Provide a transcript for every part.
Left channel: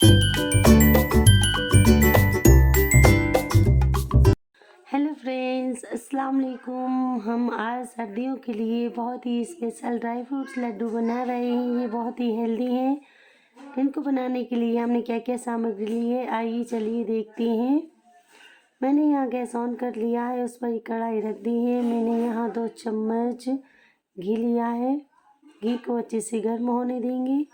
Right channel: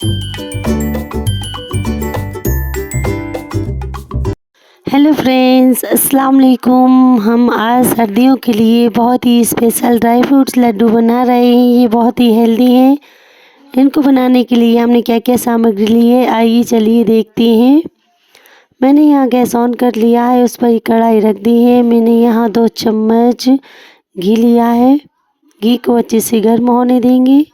Hello friends, अस्सलाम वालेकुम। हम आज सर्दियों के लिए बहुत ही स्पेशल ड्राई फ्रूट्स लड्डू बना रहे हैं। ये बहुत ही हेल्दी हैं। इनको बनाने के लिए हमने क्या क्या सामग्री ली है, आइए चलिए देखते हैं। मैंने यहाँ गैस ऑन कर लिया है, उस पर एक कढ़ाई रख दी है। मैंने यहाँ 2 चम्मच घी लिया है। घी को अच्छे से गर्म होने देंगे।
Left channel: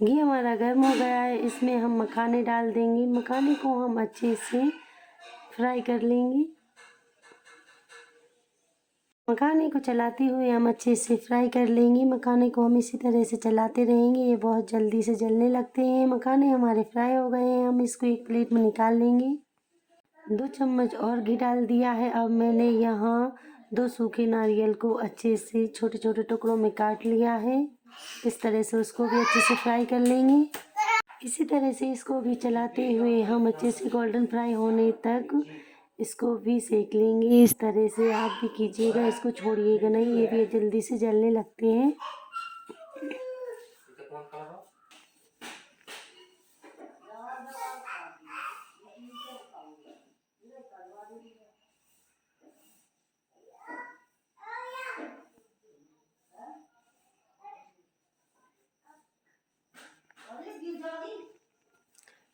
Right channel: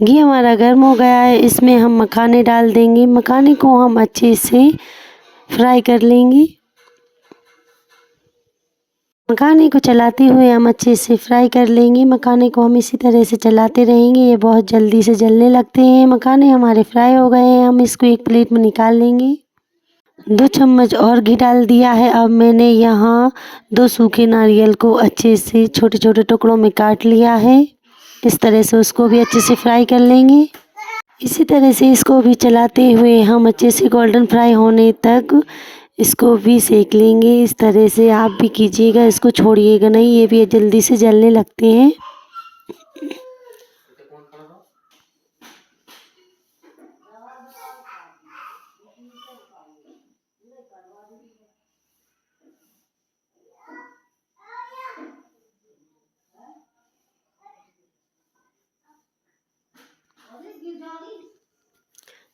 घी हमारा गर्म हो गया है, इसमें हम मखाने डाल देंगे। मखाने को हम अच्छे से फ्राई कर लेंगे। मखाने को चलाते हुए हम अच्छे से फ्राई कर लेंगे। मखाने को हम इसी तरह से चलाते रहेंगे, ये बहुत जल्दी से जलने लगते हैं। मखाने हमारे फ्राई हो गए हैं, हम इसको एक प्लेट में निकाल लेंगे। 2 चम्मच और घी डाल दिया है। अब मैंने यहाँ 2 सूखे नारियल को अच्छे से छोटे छोटे टुकड़ों में काट लिया है। इस तरह से उसको भी अच्छे से फ्राई कर लेंगे। इसी तरह से इसको भी चलाते हुए हम अच्छे से गोल्डन फ्राई होने तक इसको भी सेक लेंगे। इस तरह से आप भी कीजिएगा, इसको छोड़िएगा नहीं, ये भी जल्दी से जलने लगते हैं।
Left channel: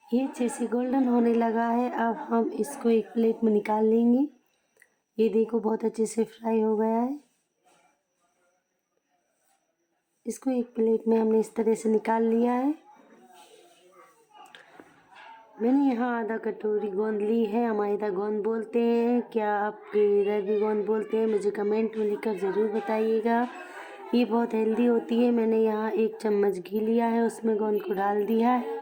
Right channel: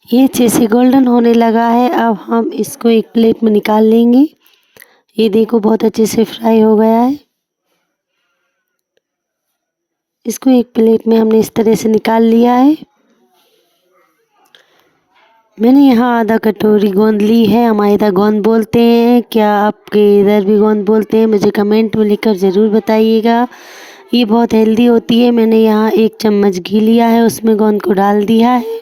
ये अच्छे से गोल्डन होने लगा है। अब हम इसको एक प्लेट में निकाल लेंगे। ये देखो बहुत अच्छे से फ्राई हो गया है। इसको एक प्लेट में हमने इस तरह से निकाल लिया है। मैंने यहाँ आधा कटोरी गोंद ली है। हमारे इधर गोंद बोलते हैं, क्या आपके इधर भी गोंद बोलते हैं? मुझे कमेंट में लिखकर ज़रूर बताइएगा। ये बहुत हेल्दी होती है। मैंने यहाँ 1 चम्मच घी लिया है, उसमें गोंद को डाल दिया है।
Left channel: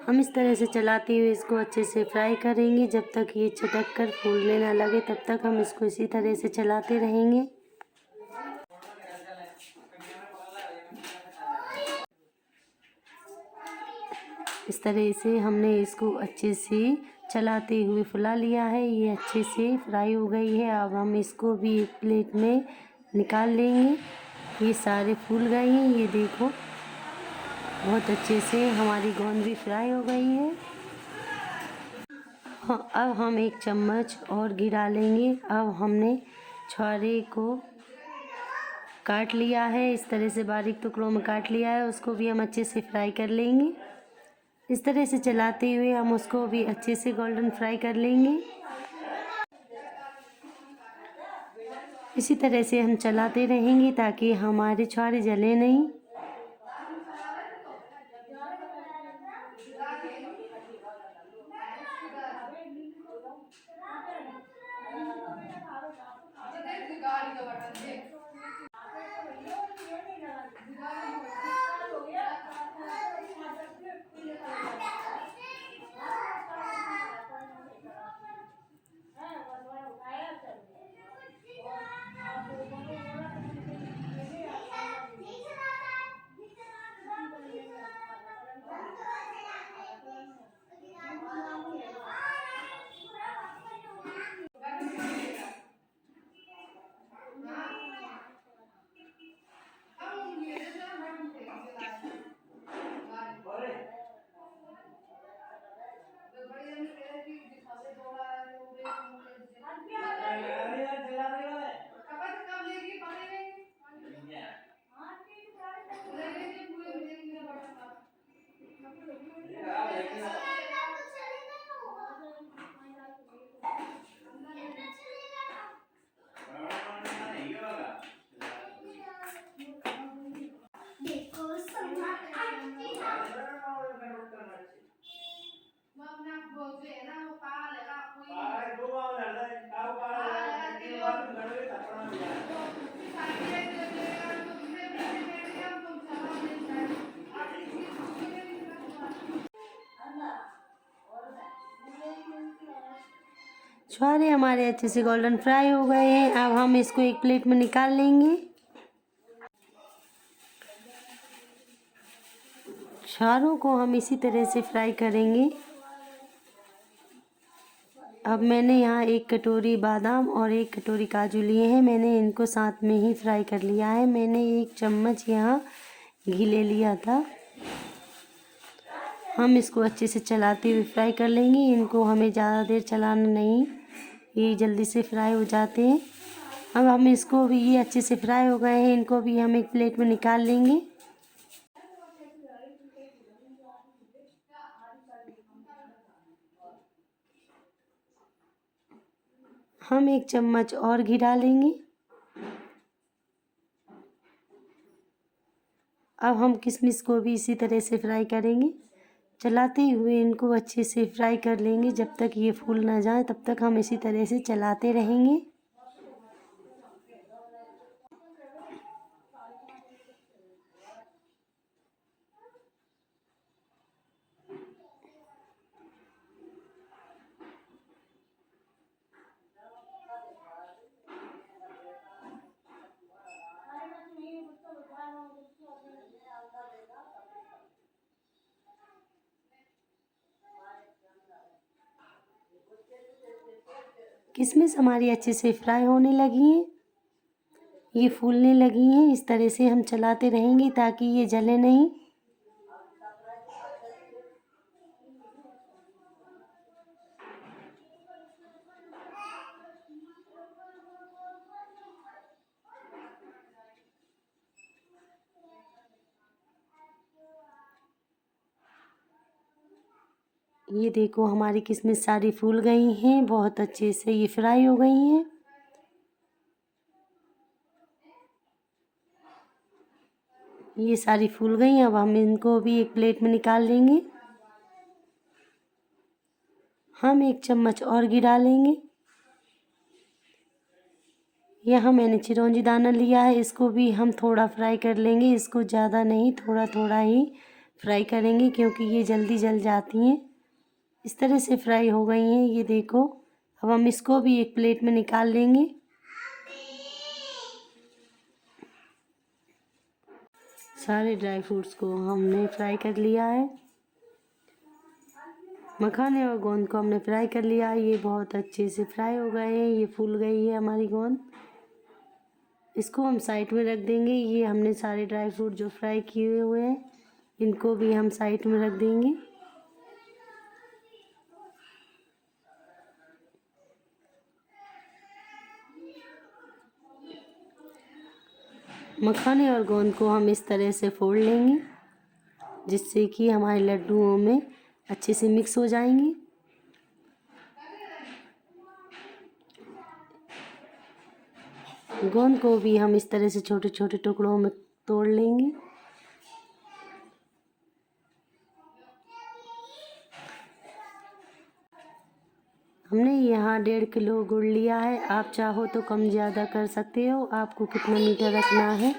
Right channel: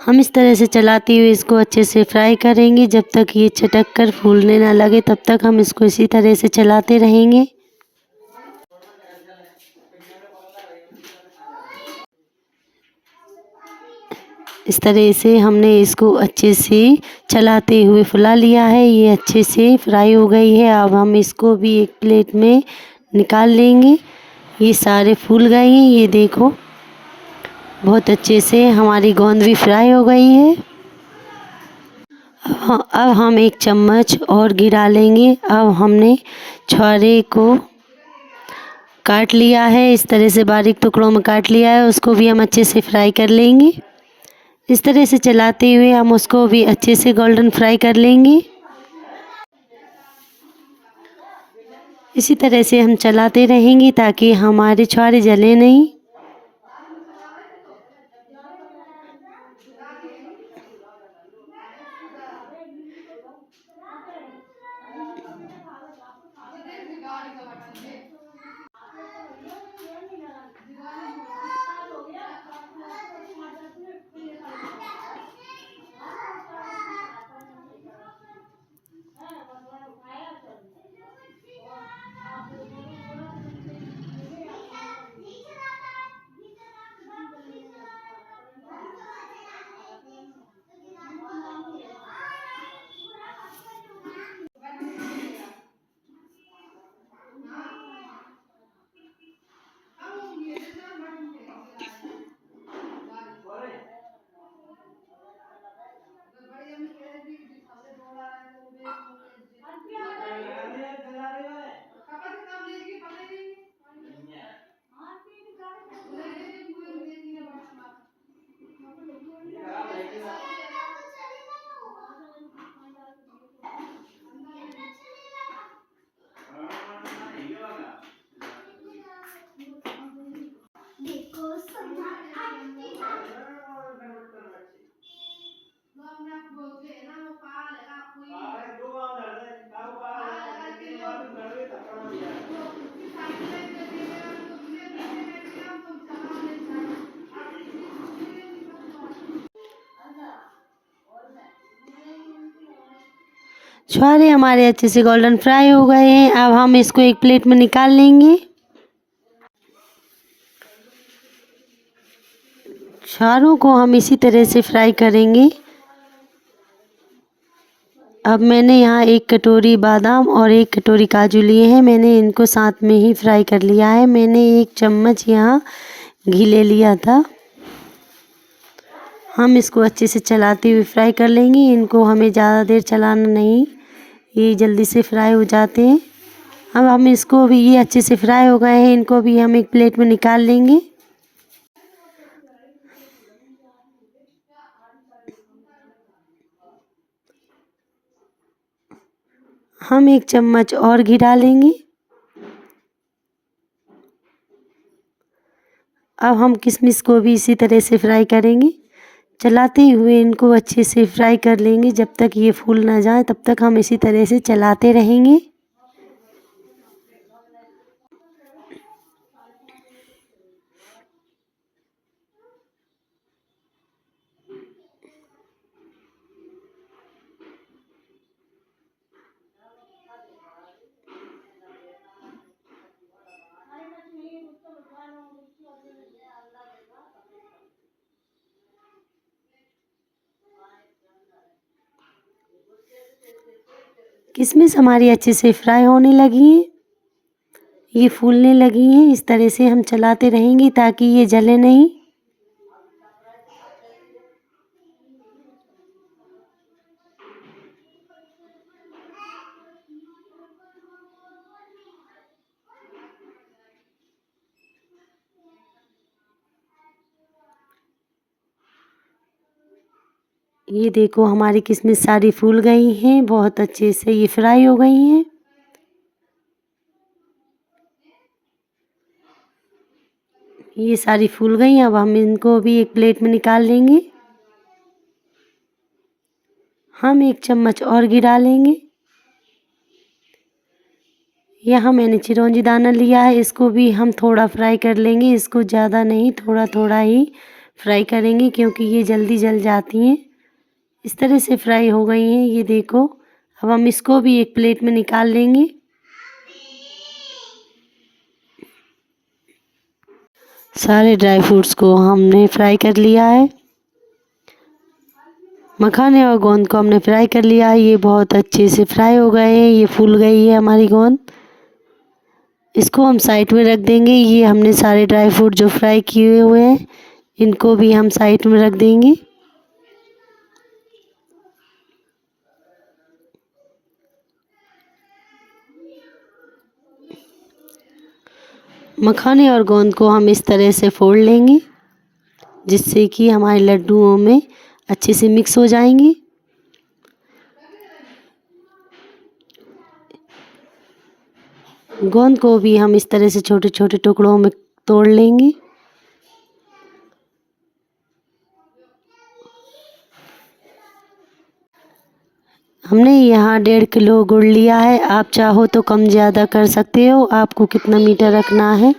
हम इस तरह से चलाते हुए इसको अच्छे से फ्राई करेंगे। जब तक ये चटक कर फूलने ना लगे तब तक हम इसको इसी तरह से चलाते रहेंगे। इस तरह से हमने इसको अच्छे से चलाते हुए फुला लिया है। ये अच्छे से फ्राई हो गई है। अब हम इसको भी एक प्लेट में निकाल लेंगे। ये सारे फूल गए हैं, ये देखो बहुत अच्छे से हमारी गोंद भी फ्राई हो गई है। अब हम 1 चम्मच और घी डालेंगे। अब हमने छुहारे को काट लिया है, इस तरह से बारीक टुकड़ों में काट लिया है। उसको भी हम अच्छे से फ्राई कर लेंगे। इस तरह से चलाते हुए हम उसको भी अच्छे से गोल्डन फ्राई कर लेंगे। इसी तरह से हम चलाते रहेंगे ताकि हमारे छुहारे जले नहीं। छुहारे हमारे अच्छे से गोल्डन फ्राई हो गए हैं। अब हम इसको एक प्लेट में निकाल लेंगे। छुहारों को हम इसी तरह से फ्राई करेंगे। अब मैंने यहाँ 1 कटोरी बादाम और 1 कटोरी काजू लिए हैं। मैंने इनको साथ में ही फ्राई कर लिया है। मैंने 1 चम्मच यहाँ घी ले लिया था। हम इसको अच्छे से चलाते हुए फ्राई कर लेंगे। इनको हमें ज़्यादा देर चलाना नहीं, ये जल्दी से फ्राई हो जाते हैं। अब हम इसको भी, ये अच्छे से फ्राई हो गए हैं, इनको भी हम एक प्लेट में निकाल लेंगे। हम 1 चम्मच और घी डालेंगे। अब हम किशमिश को भी इसी तरह से फ्राई करेंगे। चलाते हुए इनको अच्छे से फ्राई कर लेंगे। जब तक ये फूल ना जाए तब तक हम इसी तरह से चलाते रहेंगे। किशमिश हमारी अच्छे से फ्राई होने लगी है, ये फूलने लगी हैं। इस तरह से हम चलाते रहेंगे ताकि ये जले नहीं। ये देखो हमारी किशमिश सारी फूल गई हैं, बहुत अच्छे से ये फ्राई हो गई हैं। ये सारी फूल गई। अब हम इनको भी एक प्लेट में निकाल लेंगे। हम 1 चम्मच और घी डालेंगे। यहाँ मैंने चिरौंजी दाना लिया है, इसको भी हम थोड़ा फ्राई कर लेंगे। इसको ज़्यादा नहीं, थोड़ा थोड़ा ही फ्राई करेंगे क्योंकि ये जल्दी जल जाती हैं। इस तरह से फ्राई हो गई हैं, ये देखो। अब हम इसको भी एक प्लेट में निकाल लेंगे। सारे ड्राई फ्रूट्स को हमने फ्राई कर लिया है। मखाने और गोंद को हमने फ्राई कर लिया है। ये बहुत अच्छे से फ्राई हो गए हैं, ये फूल गई है हमारी गोंद। इसको हम साइड में रख देंगे। ये हमने सारे ड्राई फ्रूट जो फ्राई किए हुए हैं, इनको भी हम साइड में रख देंगे। मखाने और गोंद को हम इस तरह से फोड़ लेंगे जिससे कि हमारे लड्डुओं में अच्छे से मिक्स हो जाएंगे। गोंद को भी हम इस तरह से छोटे छोटे टुकड़ों में तोड़ लेंगे। हमने यहाँ 1.5 किलो गुड़ लिया है। आप चाहो तो कम ज़्यादा कर सकते हो, आपको कितना मीठा रखना है।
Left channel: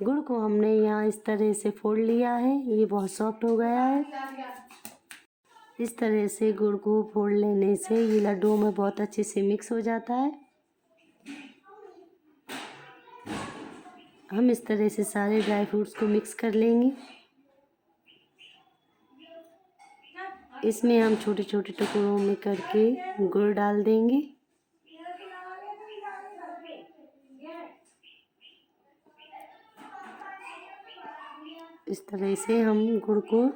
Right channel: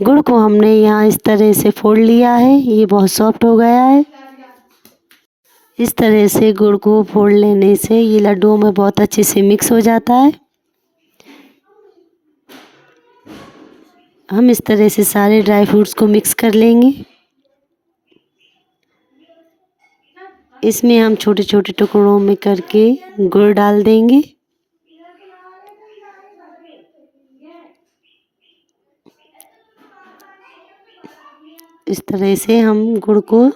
गुड़ को हमने यहाँ इस तरह से फोड़ लिया है, ये बहुत सॉफ्ट हो गया है। इस तरह से गुड़ को फोड़ लेने से ये लड्डुओं में बहुत अच्छे से मिक्स हो जाता है। हम इस तरह से सारे ड्राई फ्रूट्स को मिक्स कर लेंगे। इसमें हम छोटे छोटे टुकड़ों में करके गुड़ डाल देंगे। इस तरह से हम गुड़ को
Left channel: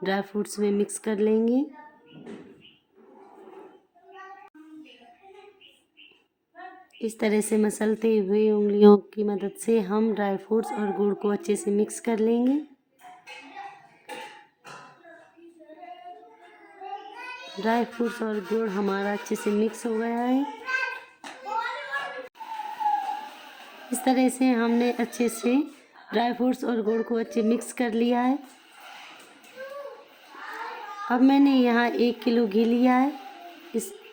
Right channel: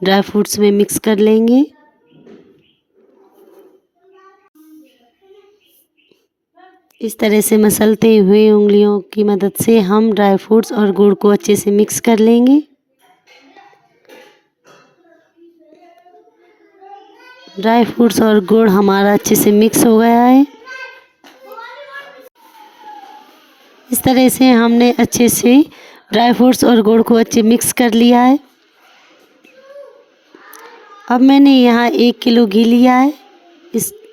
ड्राई फ्रूट्स में मिक्स कर लेंगे। इस तरह से मसलते हुए उंगलियों की मदद से हम ड्राई फ्रूट्स और गुड़ को अच्छे से मिक्स कर लेंगे। ड्राई फ्रूट्स और गुड़ हमारा अच्छे से मिक्स हो गया है। इस तरह से हमने अच्छे से ड्राई फ्रूट्स और गुड़ को अच्छे मिक्स कर लिया है। अब मैंने यहाँ 1 किलो घी लिया है,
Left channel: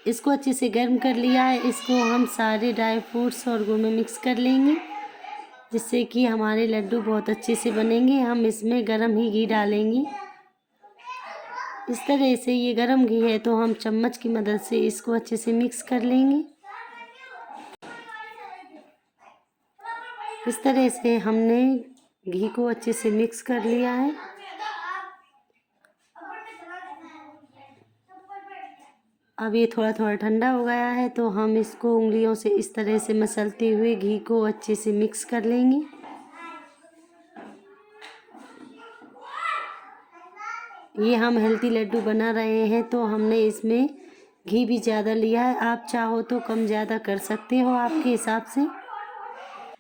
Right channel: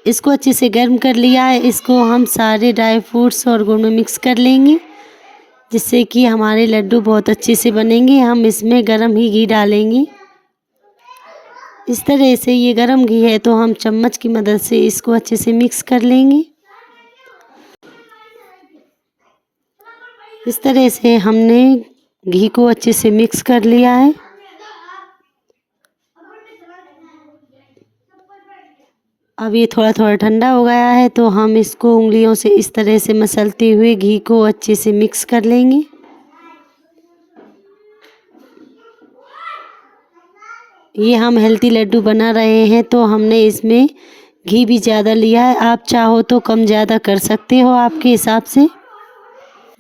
इसको अच्छे से गर्म कर लिया है। इसको हम सारे ड्राई फ्रूट्स और गुड़ में मिक्स कर लेंगे जिससे कि हमारे लड्डू बहुत अच्छे से बनेंगे। हम इसमें गरम ही घी डालेंगे। इस तरह से ये गरम घी है तो हम चम्मच की मदद से इसको अच्छे से मिक्स कर लेंगे। इस तरह से हमने घी को अच्छे से मिक्स कर लिया है। अब ये थोड़ा थोड़ा ठंडा हो गया है तो हम इसको उंगलियों से इस तरह से मसलते हुए घी को अच्छे से मिक्स कर लेंगे। ये हम हेल्दी लड्डू बना रहे हैं तो हमने इसमें घी भी ज़्यादा लिया है। आप चाहो तो कम ज़्यादा कर सकते हो आपके हिसाब से।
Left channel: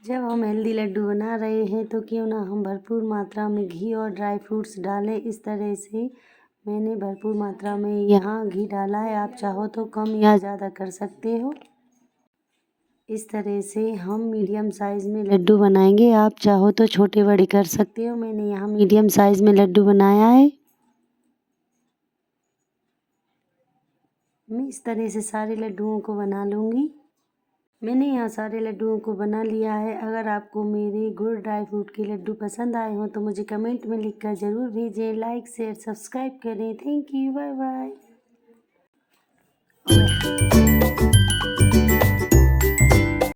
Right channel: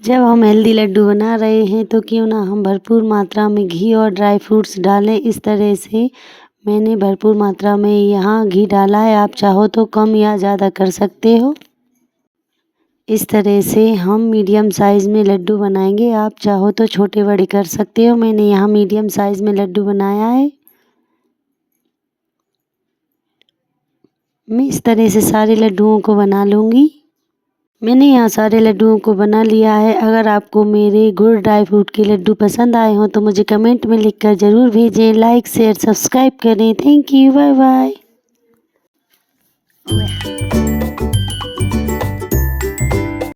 जब हम हेल्दी लड्डू बना रहे हैं तो क्यों ना हम भरपूर मात्रा में घी और ड्राई फ्रूट्स डालें। इस तरह से मैंने भरपूर मात्रा में यहाँ घी डाला है। आप चाहो तो कम या ज़्यादा कर सकते हो। इस तरह से हम मीडियम साइज़ में लड्डू बनाएंगे। आप चाहो तो छोटे बड़े कर सकते हो। मैंने यहाँ मीडियम साइज़ में लड्डू बनाया है। मैं इस तरह से सारे लड्डुओं को बना लूँगी। मैंने यहाँ सारे लड्डुओं को बना लिया है। अगर आपको मेरे गुड़ ड्राई फ्रूट के लड्डू पसंद आए हों तो मुझे कमेंट में लिखकर ज़रूर भेजें। लाइक शेयर सब्सक्राइब करें। Thank you. Bye bye.